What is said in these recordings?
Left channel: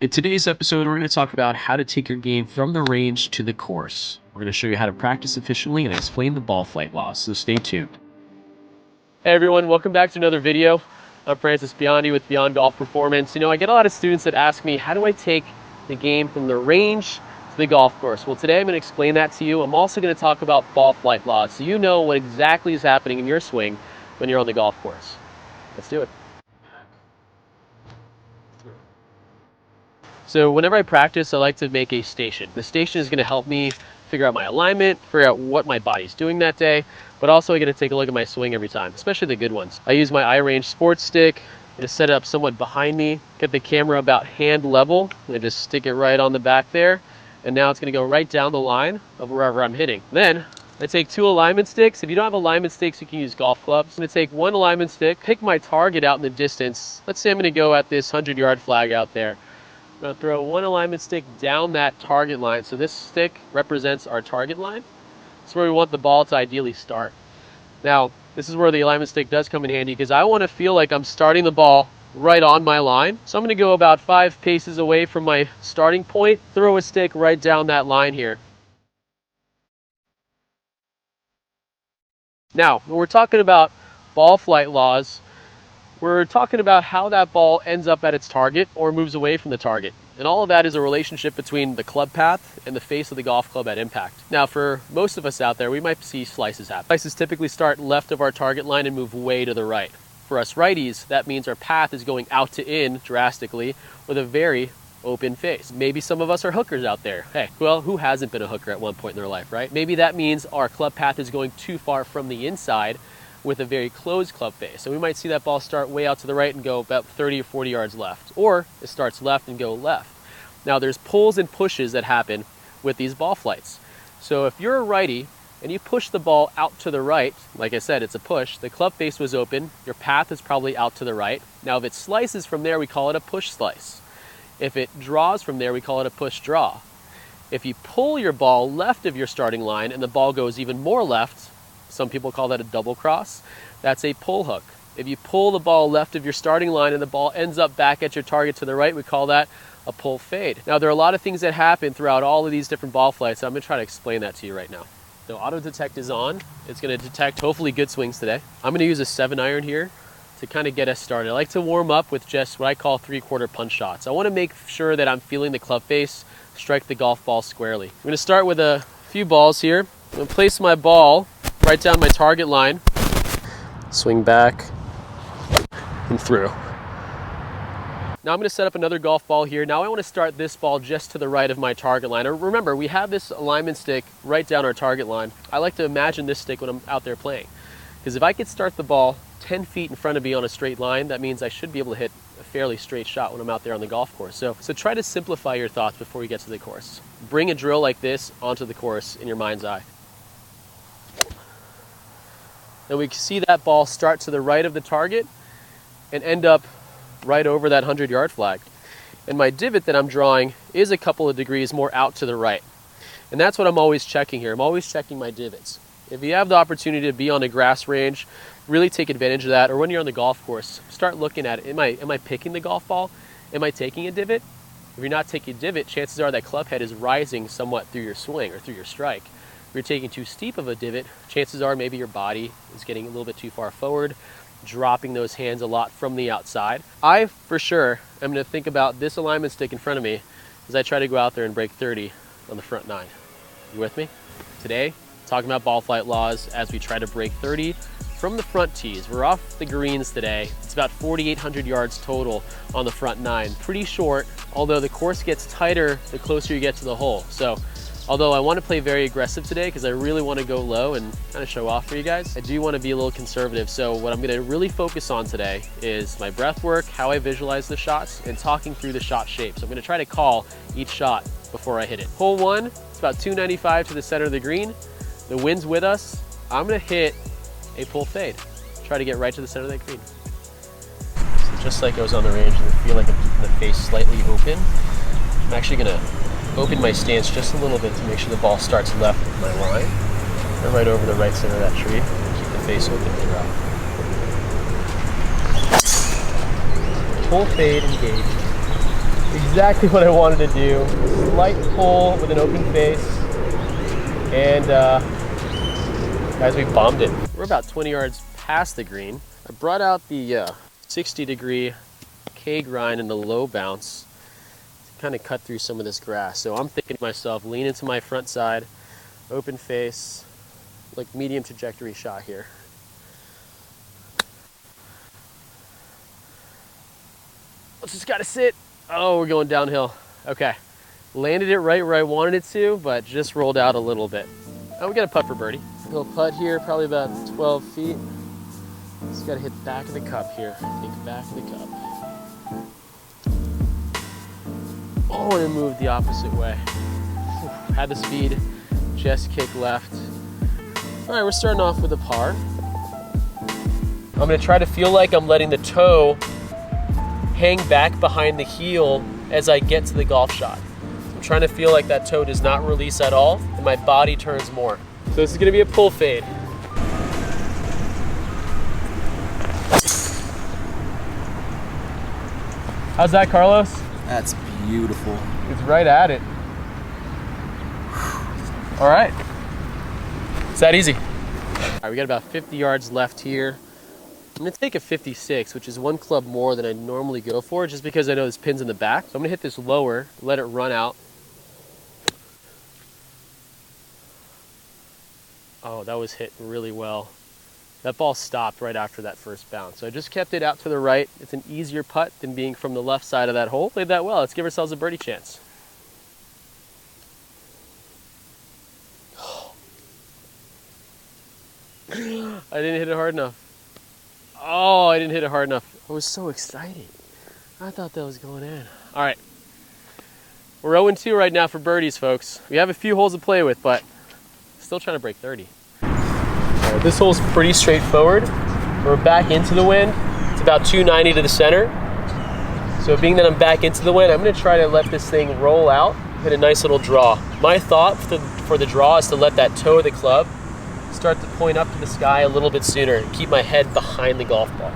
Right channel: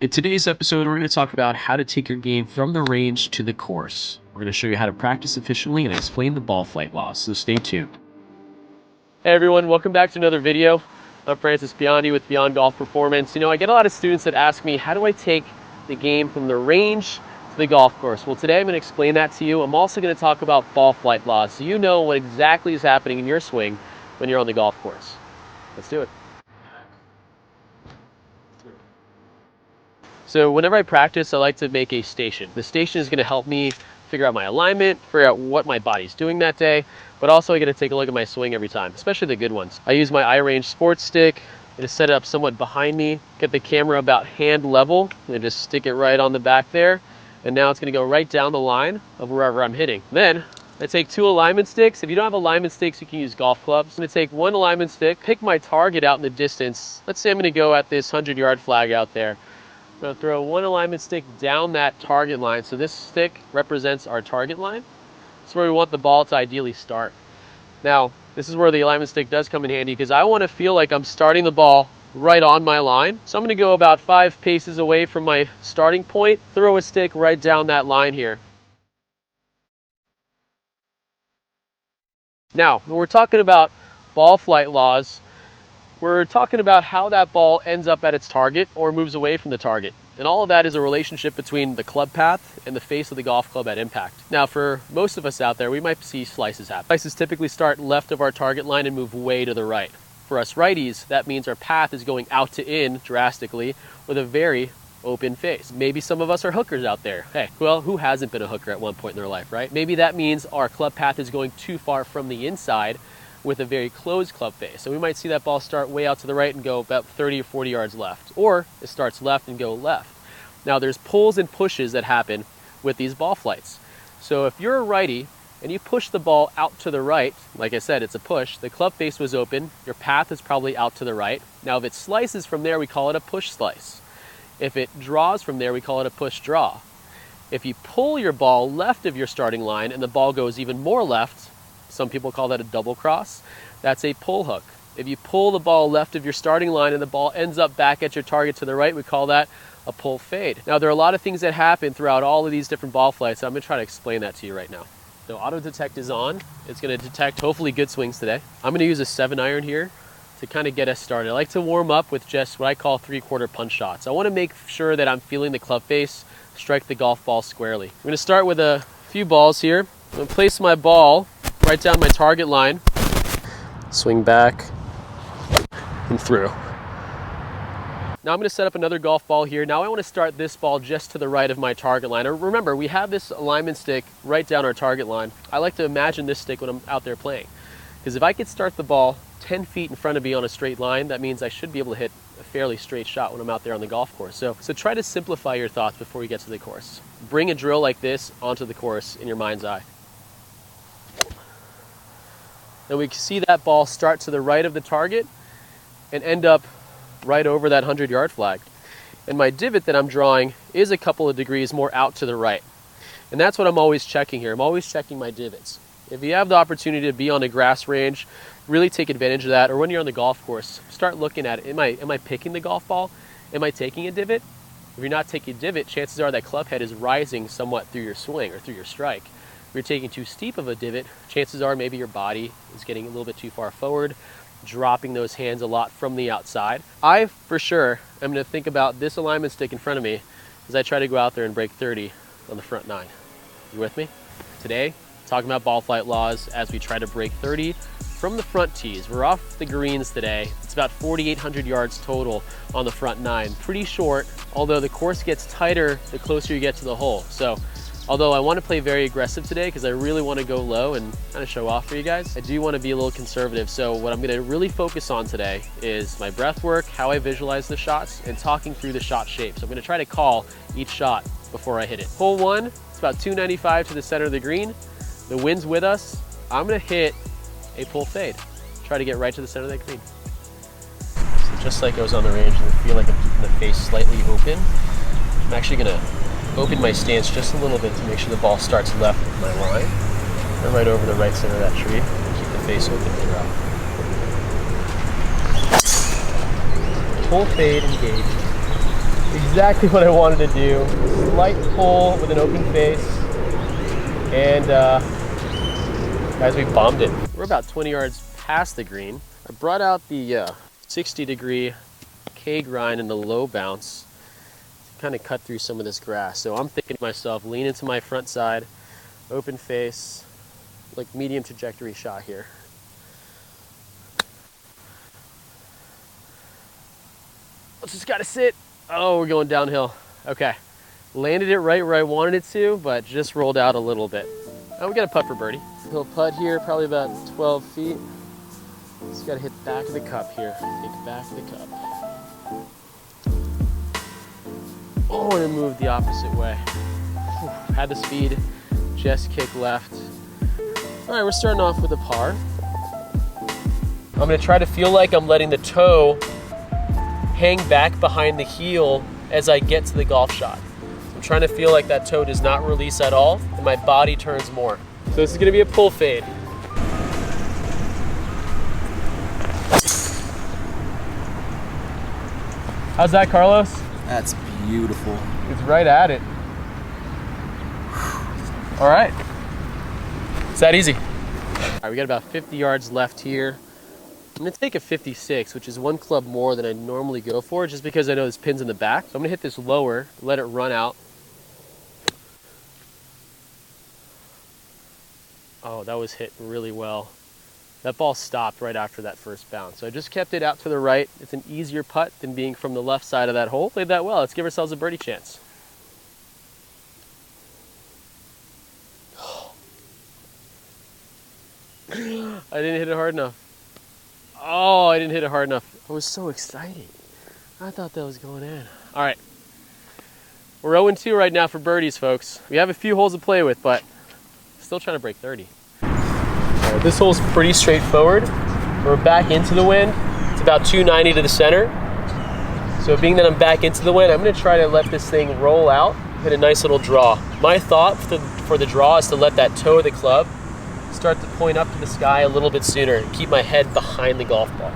In today's episode, we're going to talk about how to take your game from the range to the course. We're going to show you how to practice efficiently and explain the ball flight laws, so stay tuned. Hey everyone, welcome back to another video. I'm Francis Biondi with Beyond Golf Performance. I get a lot of students that ask me, how do I take the game from the range to the golf course? Well, today I'm going to explain that to you. I'm also going to talk about ball flight laws, so you know what exactly is happening in your swing when you're on the golf course. Let's do it. So whenever I practice, I like to make a station. The station is going to help me figure out my alignment, figure out what my body's doing that day, but also I get to take a look at my swing every time, especially the good ones. I use my iRange sports stick to set it up somewhat behind me, get the camera about hand level, and just stick it right on the back there, and now it's going to go right down the line of wherever I'm hitting. Then I take 2 alignment sticks. If you don't have alignment sticks, you can use golf clubs. I'm going to take 1 alignment stick, pick my target out in the distance. Let's say I'm going to go at this 100-yard flag out there. I'm going to throw 1 alignment stick down that target line. So this stick represents our target line. It's where we want the ball to ideally start. Now, this is where the alignment stick does come in handy because I want to feel like I'm starting the ball right on my line. So I'm going to go about 5 paces away from my starting point, throw a stick right down that line here. Now, when we're talking about ball flight laws, we're talking about how that ball ends up at its target or moves away from the target. And all of that is a relationship between the club path and the face of the golf club at impact. Now, for most of us out there, we might see slices happen. Slices typically start left of our target line and move way to the right. For us righties, that means our path is going out to in drastically with a very open face. Maybe some of us are hookers out there. Hey, well, who hasn't been a hooker at one point in their life, right? Maybe that means our club path is going too far from the inside with a very closed club face. So we might see that ball start way out to the right and go about 30 or 40 yards left. Or it starts left and go left. Now there's pulls and pushes that happen with these ball flights. So if you're a righty and you push the ball out to the right, like I said, it's a push, the club face was open, your path is probably out to the right. Now if it slices from there, we call it a push slice. If it draws from there, we call it a push draw. If you pull your ball left of your starting line and the ball goes even more left, some people call that a double cross, that's a pull hook. If you pull the ball left of your starting line and the ball ends up back at your target to the right, we call that a pull fade. Now there are a lot of things that happen throughout all of these different ball flights, so I'm going to try to explain that to you right now. So auto detect is on. It's going to detect hopefully good swings today. I'm going to use a 7-iron here to kind of get us started. I like to warm up with just what I call 3/4 punch shots. I want to make sure that I'm feeling the club face strike the golf ball squarely. I'm going to start with a few balls here. I'm going to place my ball right down my target line, swing back and through. Now I'm going to set up another golf ball here. Now I want to start this ball just to the right of my target line. Remember, we have this alignment stick right down our target line. I like to imagine this stick when I'm out there playing. Because if I could start the ball 10 feet in front of me on a straight line, that means I should be able to hit a fairly straight shot when I'm out there on the golf course. So try to simplify your thoughts before you get to the course. Bring a drill like this onto the course in your mind's eye. And we can see that ball start to the right of the target and end up right over that 100-yard flag. And my divot that I'm drawing is a couple of degrees more out to the right. And that's what I'm always checking here. I'm always checking my divots. If you have the opportunity to be on a grass range, really take advantage of that. Or when you're on the golf course, start looking at it. Am I picking the golf ball? Am I taking a divot? If you're not taking a divot, chances are that club head is rising somewhat through your swing or through your strike. If you're taking too steep of a divot, chances are maybe your body is getting a little bit too far forward, dropping those hands a lot from the outside. I, for sure, am going to think about this alignment stick in front of me as I try to go out there and break 30 on the front 9. You with me? Today, talking about ball flight laws as we try to break 30 from the front tees. We're off the greens today. It's about 4,800 yards total on the front 9. Pretty short, although the course gets tighter the closer you get to the hole. So, although I want to play very aggressive today because I really want to go low and kind of show off for you guys, I do want to be a little conservative. So what I'm going to really focus on today is my breath work, how I visualize the shots, and talking through the shot shape. So I'm going to try to call each shot before I hit it. Hole 1, it's about 295 to the center of the green. The wind's with us. I'm going to hit a pull fade. Try to get right to the center of that green. So just like I was on the range, and I feel like I'm keeping the face slightly open, I'm actually going to open my stance just a little bit to make sure the ball starts left of my line and right over the right center of that tree. Keep the face open throughout. Full fade engaged. Exactly what I wanted to do. Slight pull with an open face. And guys, we bombed it. We're about 20 yards past the green. I brought out the 60-degree K grind and the low bounce to kind of cut through some of this grass. So I'm thinking to myself, lean into my front side, open face, like medium trajectory shot here. Just gotta sit. Oh, we're going downhill. Okay. Landed it right where I wanted it to, but just rolled out a little bit. Oh, we got a putt for birdie. Little putt here, probably about 12 feet. Just gotta hit the back of the cup here. Think back of the cup. Oh, and it moved the opposite way. Whew. Had the speed, just kick left. All right, we're starting off with a par. I'm gonna try to feel like I'm letting the toe hang back behind the heel as I get to the golf shot. I'm trying to feel like that toe does not release at all and my body turns more. So this is gonna be a pull fade. How's that, Carlos? That's beautiful. It's right at it. All right. It's that easy. All right, we got about 50 yards left here. I'm gonna take a 56, which is one club more than I normally go for, just because I know this pin's in the back. So I'm gonna hit this lower, let it run out. Oh, that was hit really well. That ball stopped right after that first bounce. So I just kept it out to the right. It's an easier putt than being from the left side of that hole. Played that well. Let's give ourselves a birdie chance. I didn't hit it hard enough. Oh, I didn't hit it hard enough. I was so excited. I thought that was going in. All right. We're 0-2 right now for birdies, folks. We have a few holes to play with, but still trying to break 30. All right, this hole's pretty straightforward. We're back into the wind. It's about 290 to the center. So being that I'm back into the wind, I'm going to try to let this thing roll out, hit a nice little draw. My thought for the draw is to let that toe of the club start to point up to the sky a little bit sooner and keep my head behind the golf ball.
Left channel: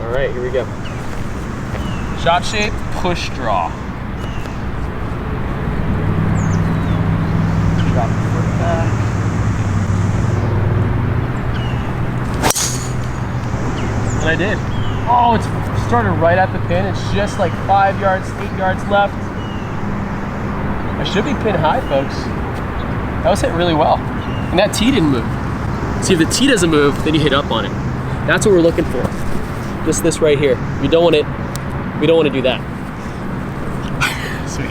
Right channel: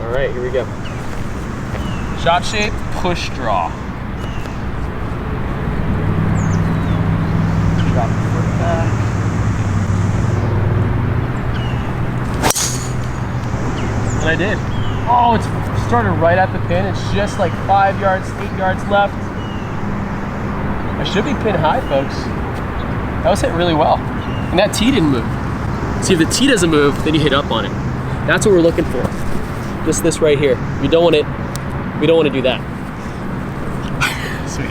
All right, here we go. Shot shape, push draw. Drop the foot back. And I did. Oh, it's started right at the pin. It's just like 5 yards, 8 yards left. I should be pin high, folks. That was hit really well. And that tee didn't move. See, if the tee doesn't move, then you hit up on it. That's what we're looking for. Just this right here. We don't want to do that. Sweet.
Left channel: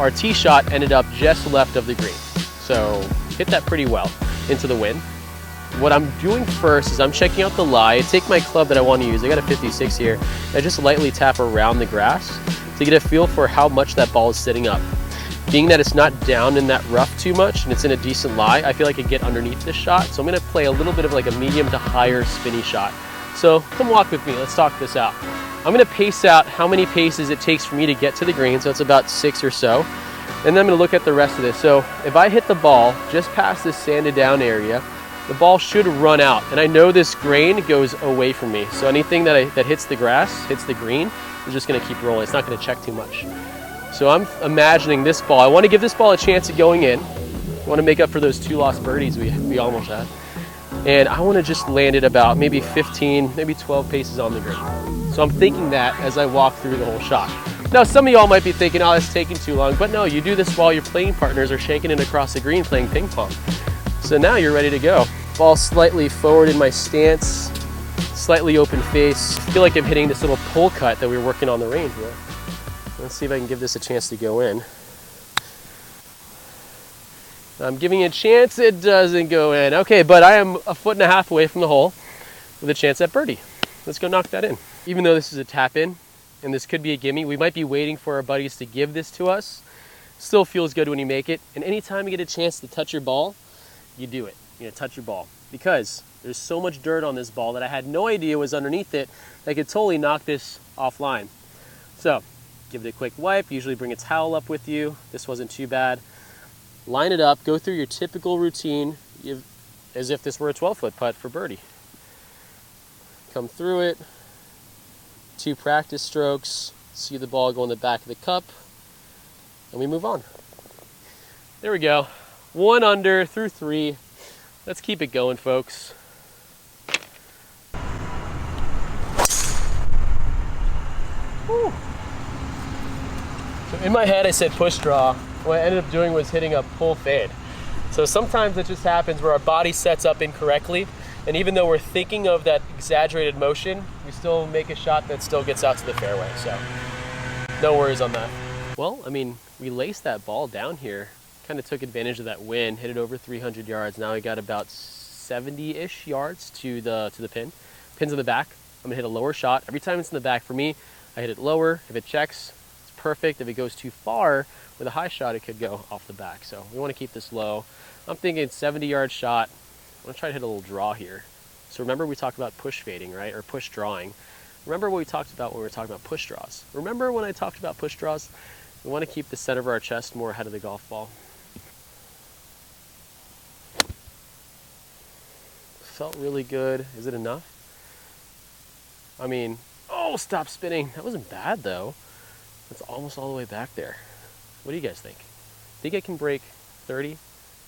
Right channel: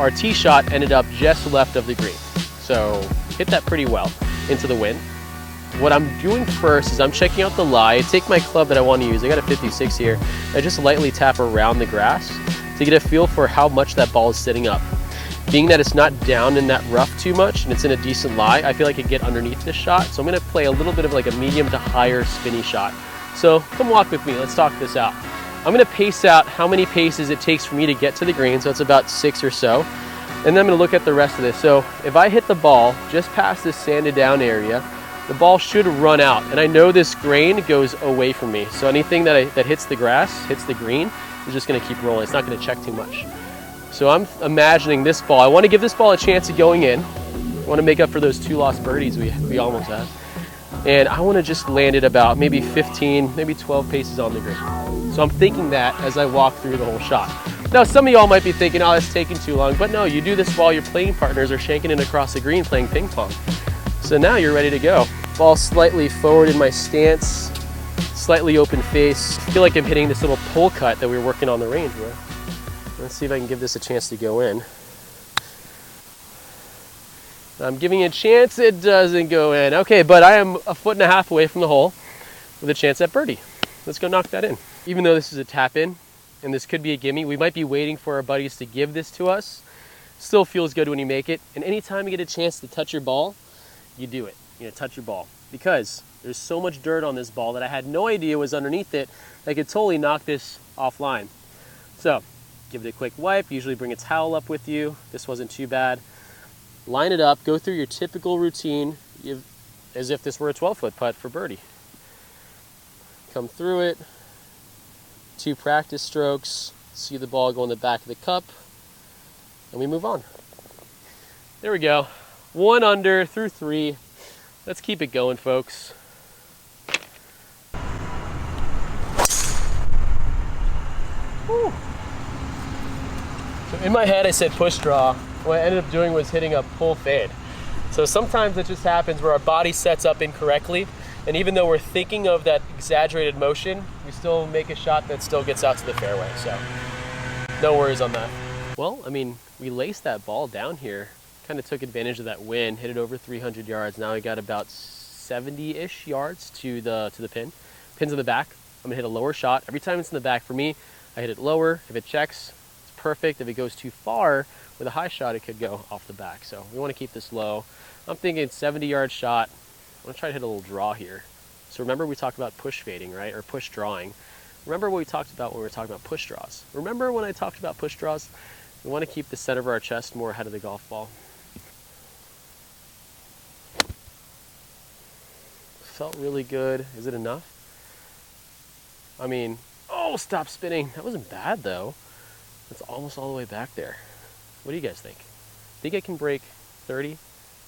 Our tee shot ended up just left of the green. So hit that pretty well into the wind. What I'm doing first is I'm checking out the lie. I take my club that I want to use. I got a 56 here. I just lightly tap around the grass to get a feel for how much that ball is sitting up. Being that it's not down in that rough too much and it's in a decent lie, I feel like I can get underneath this shot. So I'm gonna play a little bit of like a medium to higher spinny shot. So come walk with me, let's talk this out. I'm gonna pace out how many paces it takes for me to get to the green, so it's about 6 or so. And then I'm gonna look at the rest of this. So if I hit the ball just past this sanded down area, the ball should run out. And I know this grain goes away from me. So anything that hits the grass, hits the green, is just gonna keep rolling. It's not gonna check too much. So I'm imagining this ball. I want to give this ball a chance of going in. I want to make up for those 2 lost birdies we almost had. And I want to just land it about maybe 15, maybe 12 paces on the green. So I'm thinking that as I walk through the whole shot. Now, some of y'all might be thinking, oh, it's taking too long. But no, you do this while your playing partners are shanking it across the green playing ping pong. So now you're ready to go. Ball slightly forward in my stance, slightly open face. I feel like I'm hitting this little pull cut that we were working on the range with. Let's see if I can give this a chance to go in. I'm giving it a chance, it doesn't go in. Okay, but I am 1.5 feet away from the hole with a chance at birdie. Let's go knock that in. Even though this is a tap in, and this could be a gimme, we might be waiting for our buddies to give this to us. Still feels good when you make it. And anytime you get a chance to touch your ball, you do it. You know, touch your ball. Because there's so much dirt on this ball that I had no idea was underneath it, that I could totally knock this offline. So, give it a quick wipe, usually bring a towel up with you. This wasn't too bad. Line it up, go through your typical routine as if this were a 12-foot putt for birdie. Come through it, 2 practice strokes, see the ball go in the back of the cup, and we move on. There we go. 1 under through 3. Let's keep it going, folks. Whew. So in my head I said push draw. What I ended up doing was hitting a pull fade. So sometimes it just happens where our body sets up incorrectly, and even though we're thinking of that exaggerated motion, we still make a shot that still gets out to the fairway. So no worries on that. Well, I mean, we laced that ball down here, kind of took advantage of that wind, hit it over 300 yards. Now we got about 70-ish yards to the pin. Pin's in the back. I'm gonna hit a lower shot. Every time it's in the back for me, I hit it lower. If it checks, it's perfect. If it goes too far with a high shot, it could go off the back. So we want to keep this low. I'm thinking 70-yard shot. I'm gonna try to hit a little draw here. So remember we talked about push fading, right? Or push drawing. Remember what we talked about when we were talking about push draws. Remember when I talked about push draws? We want to keep the center of our chest more ahead of the golf ball. Felt really good. Is it enough? I mean, oh, stop spinning. That wasn't bad though. That's almost all the way back there. What do you guys think? Think I can break 30?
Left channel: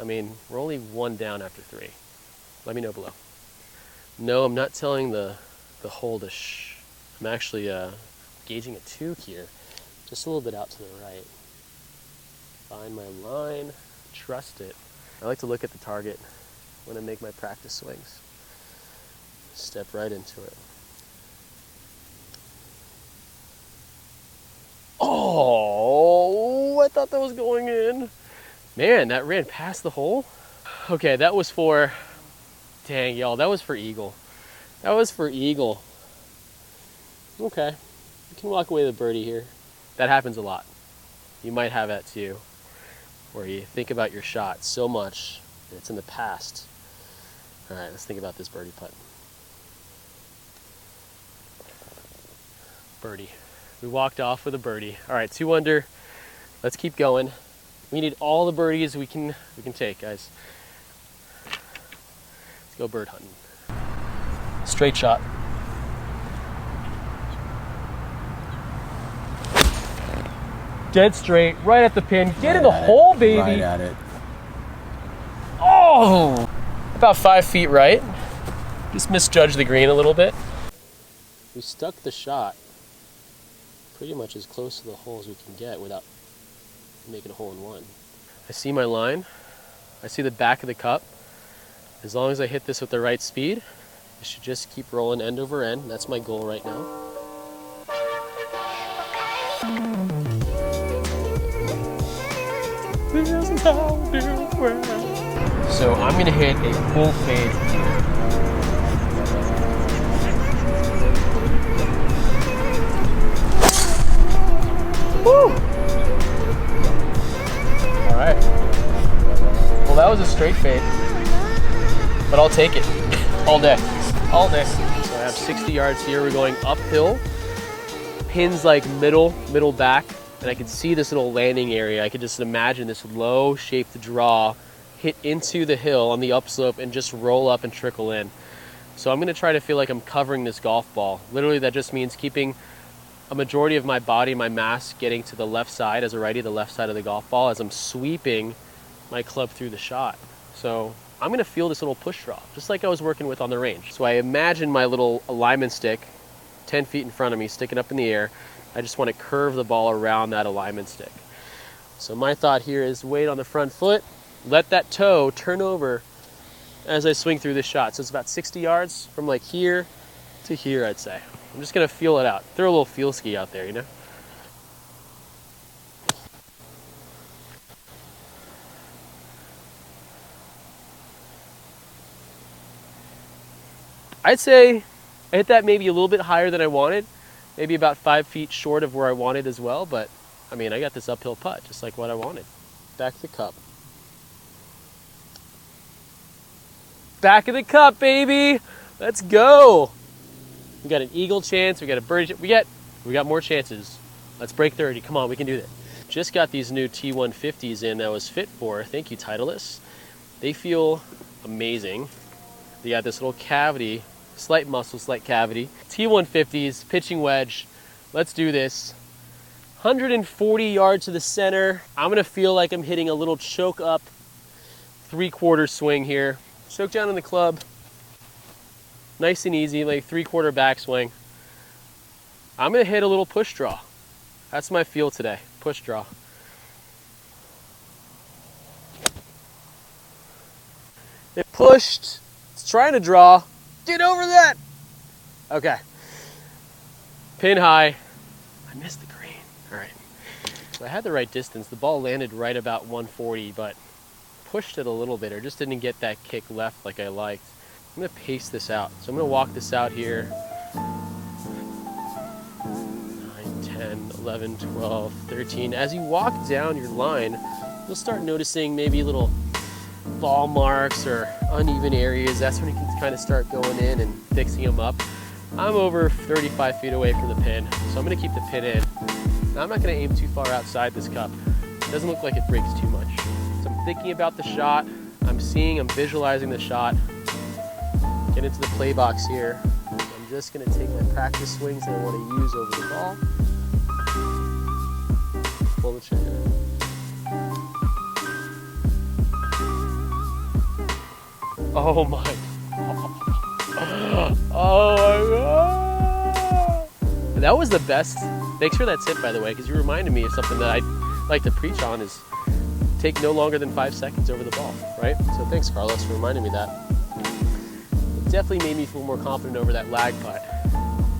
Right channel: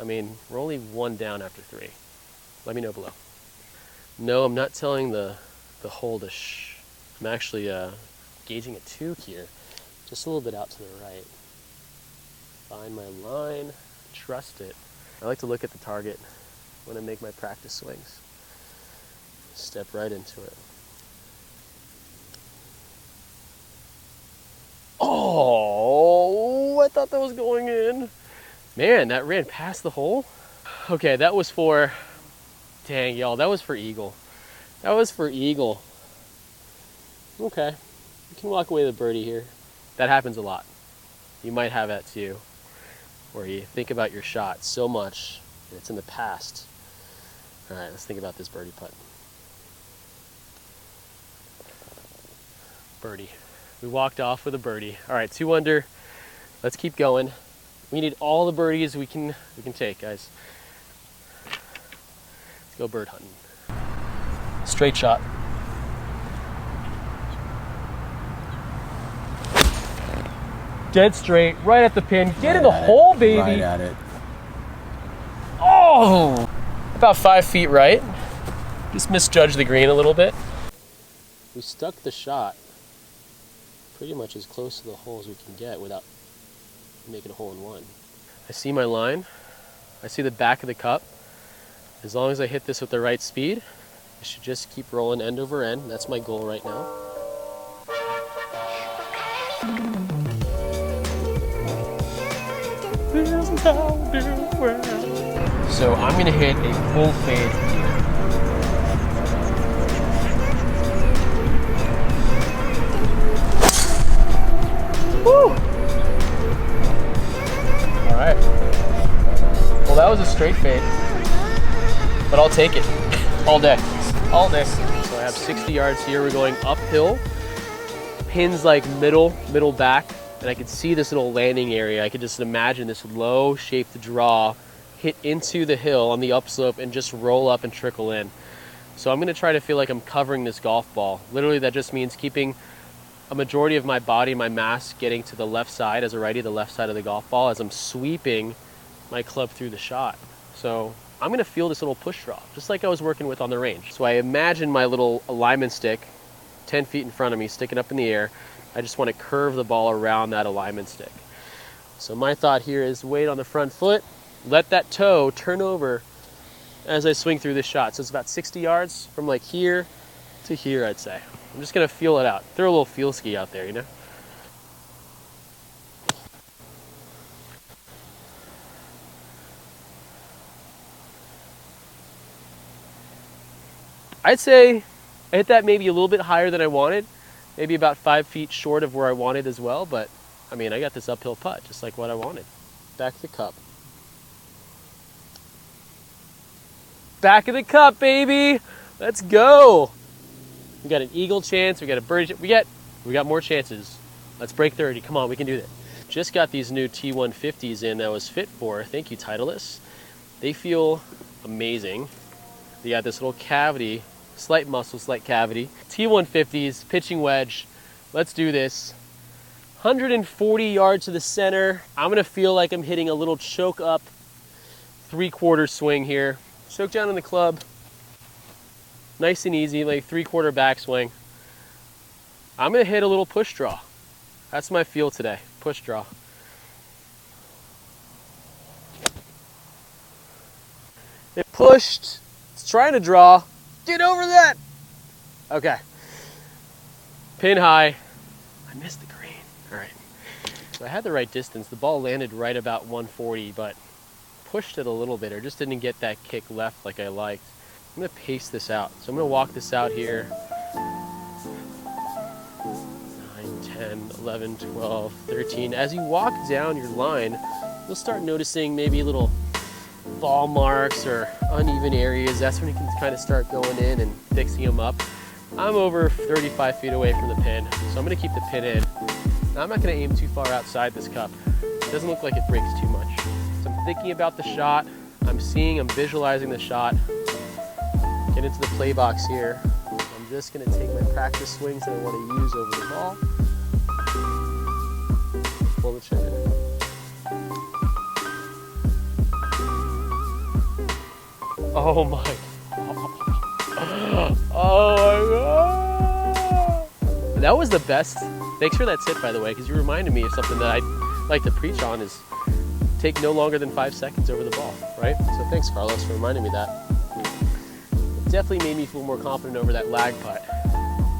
I mean, we're only 1 down after 3. Let me know below. No, I'm not telling the hole to shh. I'm actually gauging a 2 here, just a little bit out to the right. Find my line, trust it. I like to look at the target when I make my practice swings. Step right into it. Oh, I thought that was going in. Man, that ran past the hole. Okay, that was for, dang y'all, that was for eagle. That was for eagle. Okay, you can walk away with a birdie here. That happens a lot. You might have that too, where you think about your shot so much that it's in the past. All right, let's think about this birdie putt. Birdie. We walked off with a birdie. All right, 2 under. Let's keep going. We need all the birdies we can take, guys. Let's go bird hunting. Straight shot. Dead straight, right at the pin. Get in the hole, baby. Right at it. Oh! About 5 feet right. Just misjudged the green a little bit. We stuck the shot pretty much as close to the hole as we can get without making a hole in one. I see my line. I see the back of the cup. As long as I hit this with the right speed, it should just keep rolling end over end. That's my goal right now. So I'm gonna hit a full fade here. Woo! All right. Well, that was a straight fade, but I'll take it all day, all day. So I have 60 yards here. We're going uphill. Pins like middle back, and I can see this little landing area. I could just imagine this low-shaped draw hit into the hill on the upslope and just roll up and trickle in. So I'm gonna try to feel like I'm covering this golf ball. Literally, that just means keeping a majority of my body, my mass, getting to the left side as a righty, the left side of the golf ball, as I'm sweeping my club through the shot. So I'm gonna feel this little push draw, just like I was working with on the range. So I imagine my little alignment stick 10 feet in front of me, sticking up in the air. I just want to curve the ball around that alignment stick. So my thought here is weight on the front foot, let that toe turn over as I swing through this shot. So it's about 60 yards from like here to here, I'd say. I'm just gonna feel it out. Throw a little feel ski out there, you know? I'd say I hit that maybe a little bit higher than I wanted, maybe about 5 feet short of where I wanted as well, but I mean, I got this uphill putt, just like what I wanted. Back of the cup. Back of the cup, baby! Let's go! We got an eagle chance, we got a birdie, we got more chances. Let's break 30, come on, we can do that. Just got these new T150s in that I was fit for, thank you Titleist. They feel amazing. They got this little cavity slight muscle, slight cavity. T150s, pitching wedge. Let's do this. 140 yards to the center. I'm gonna feel like I'm hitting a little choke up 3/4 swing here. Choke down in the club. Nice and easy, like 3/4 backswing. I'm gonna hit a little push draw. That's my feel today, push draw. It pushed, it's trying to draw. Get over that! Okay. Pin high. I missed the green. All right. So I had the right distance. The ball landed right about 140, but pushed it a little bit, or just didn't get that kick left like I liked. I'm gonna pace this out. So I'm gonna walk this out here. 9, 10, 11, 12, 13. As you walk down your line, you'll start noticing maybe little ball marks or uneven areas. That's when you can kind of start going in and fixing them up. I'm over 35 feet away from the pin, so I'm gonna keep the pin in. Now I'm not gonna aim too far outside this cup. It doesn't look like it breaks too much. So I'm thinking about the shot. I'm visualizing the shot. Get into the play box here. I'm just gonna take my practice swings that I wanna use over the ball. Pull the trigger. Oh my. Oh my God. That was the best. Thanks for that tip, by the way, because you reminded me of something that I like to preach on, is take no longer than 5 seconds over the ball, right? So thanks, Carlos, for reminding me that. It definitely made me feel more confident over that lag putt.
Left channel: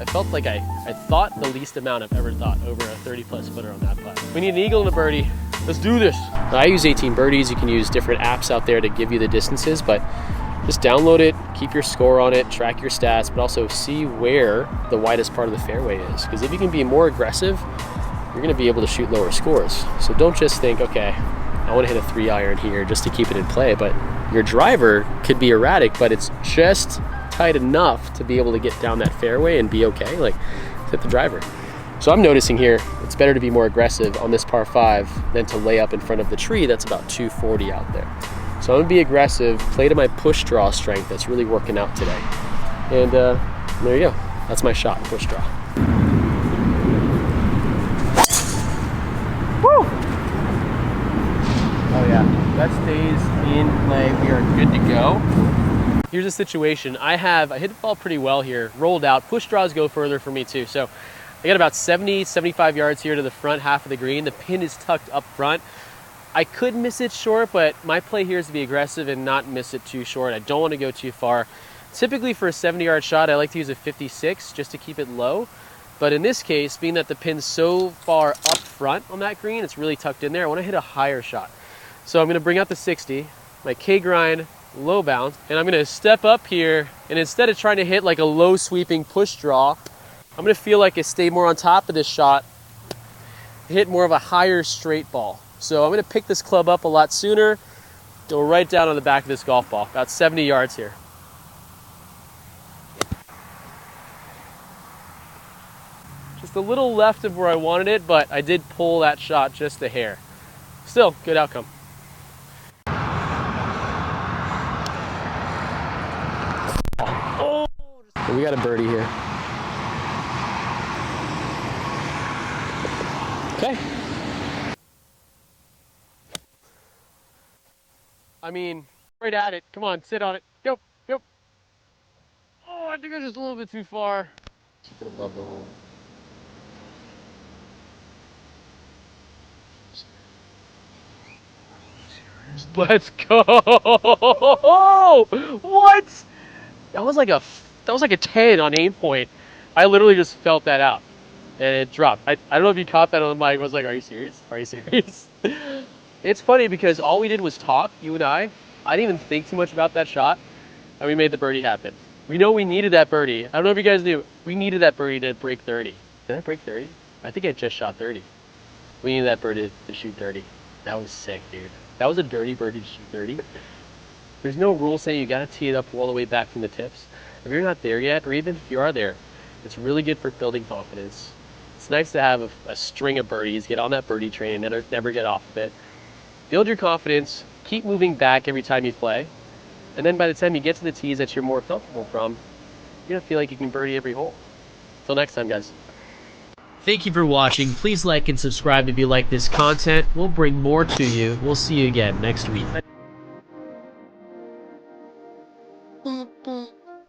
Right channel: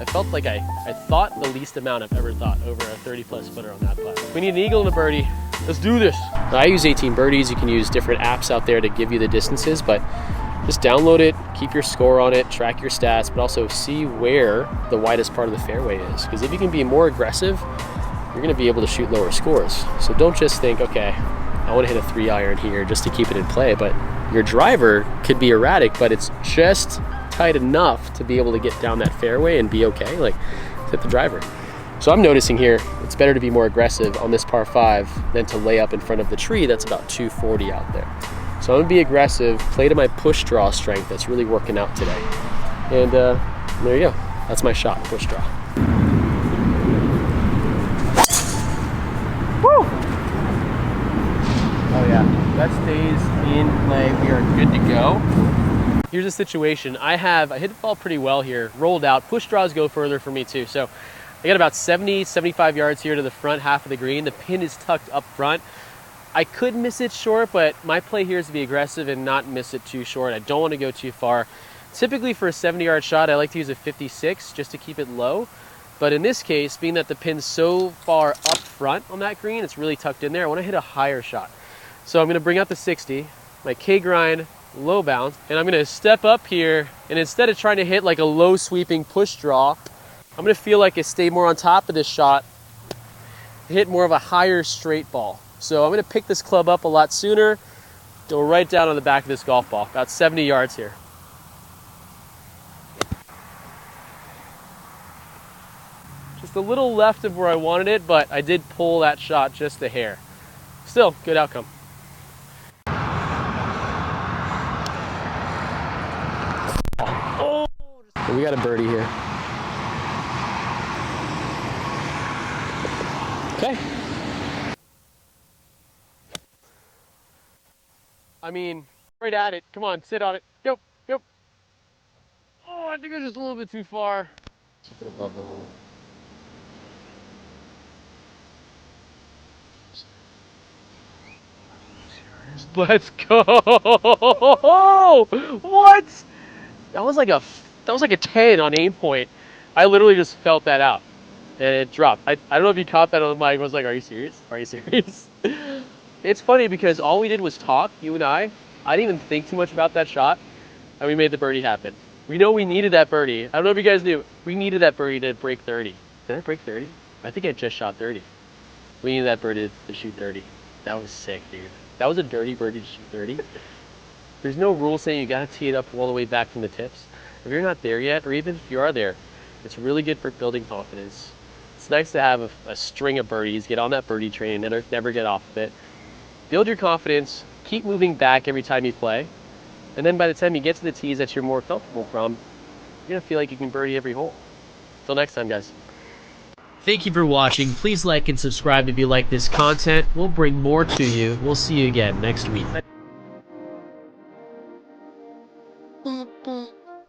I felt like I thought the least amount I've ever thought over a 30-plus footer on that putt. We need an eagle and a birdie. Let's do this. I use 18 birdies. You can use different apps out there to give you the distances, but just download it, keep your score on it, track your stats, but also see where the widest part of the fairway is. Because if you can be more aggressive, you're gonna be able to shoot lower scores. So don't just think, okay, I wanna hit a 3-iron here just to keep it in play, but your driver could be erratic, but it's just tight enough to be able to get down that fairway and be okay, like hit the driver. So I'm noticing here, it's better to be more aggressive on this par 5 than to lay up in front of the tree that's about 240 out there. So I'm gonna be aggressive, play to my push draw strength that's really working out today. And there you go, that's my shot, push draw. Woo! Oh yeah, that stays in play, we are good to go. Here's a situation, I hit the ball pretty well here, rolled out, push draws go further for me too. So I got about 70, 75 yards here to the front half of the green. The pin is tucked up front. I could miss it short, but my play here is to be aggressive and not miss it too short. I don't want to go too far. Typically for a 70-yard shot, I like to use a 56 just to keep it low. But in this case, being that the pin's so far up front on that green, it's really tucked in there, I want to hit a higher shot. So I'm going to bring out the 60, my K-grind, low bounce, and I'm going to step up here, and instead of trying to hit like a low sweeping push draw, I'm going to feel like I stay more on top of this shot, hit more of a higher straight ball. So I'm going to pick this club up a lot sooner, go right down on the back of this golf ball, about 70 yards here. Just a little left of where I wanted it, but I did pull that shot just a hair. Still, good outcome. Oh, we got a birdie here. Okay. I mean, right at it. Come on, sit on it. Go, go. Oh, I think I'm just a little bit too far. Keep it above the hole. Let's go! What? That was like a 10 on aim point. I literally just felt that out, and it dropped. I don't know if you caught that on the mic. I was like, "Are you serious? Are you serious?" It's funny because all we did was talk, you and I. I didn't even think too much about that shot, and we made the birdie happen. We know we needed that birdie. I don't know if you guys knew. We needed that birdie to break 30. Did I break 30? I think I just shot 30. We needed that birdie to shoot 30. That was sick, dude. That was a dirty birdie to shoot 30. There's no rule saying you gotta tee it up all the way back from the tips. If you're not there yet, or even if you are there, it's really good for building confidence. It's nice to have a string of birdies, get on that birdie train, and never get off of it. Build your confidence, keep moving back every time you play, and then by the time you get to the tees that you're more comfortable from, you're gonna feel like you can birdie every hole. Till next time, guys. Thank you for watching. Please like and subscribe if you like this content. We'll bring more to you. We'll see you again next week.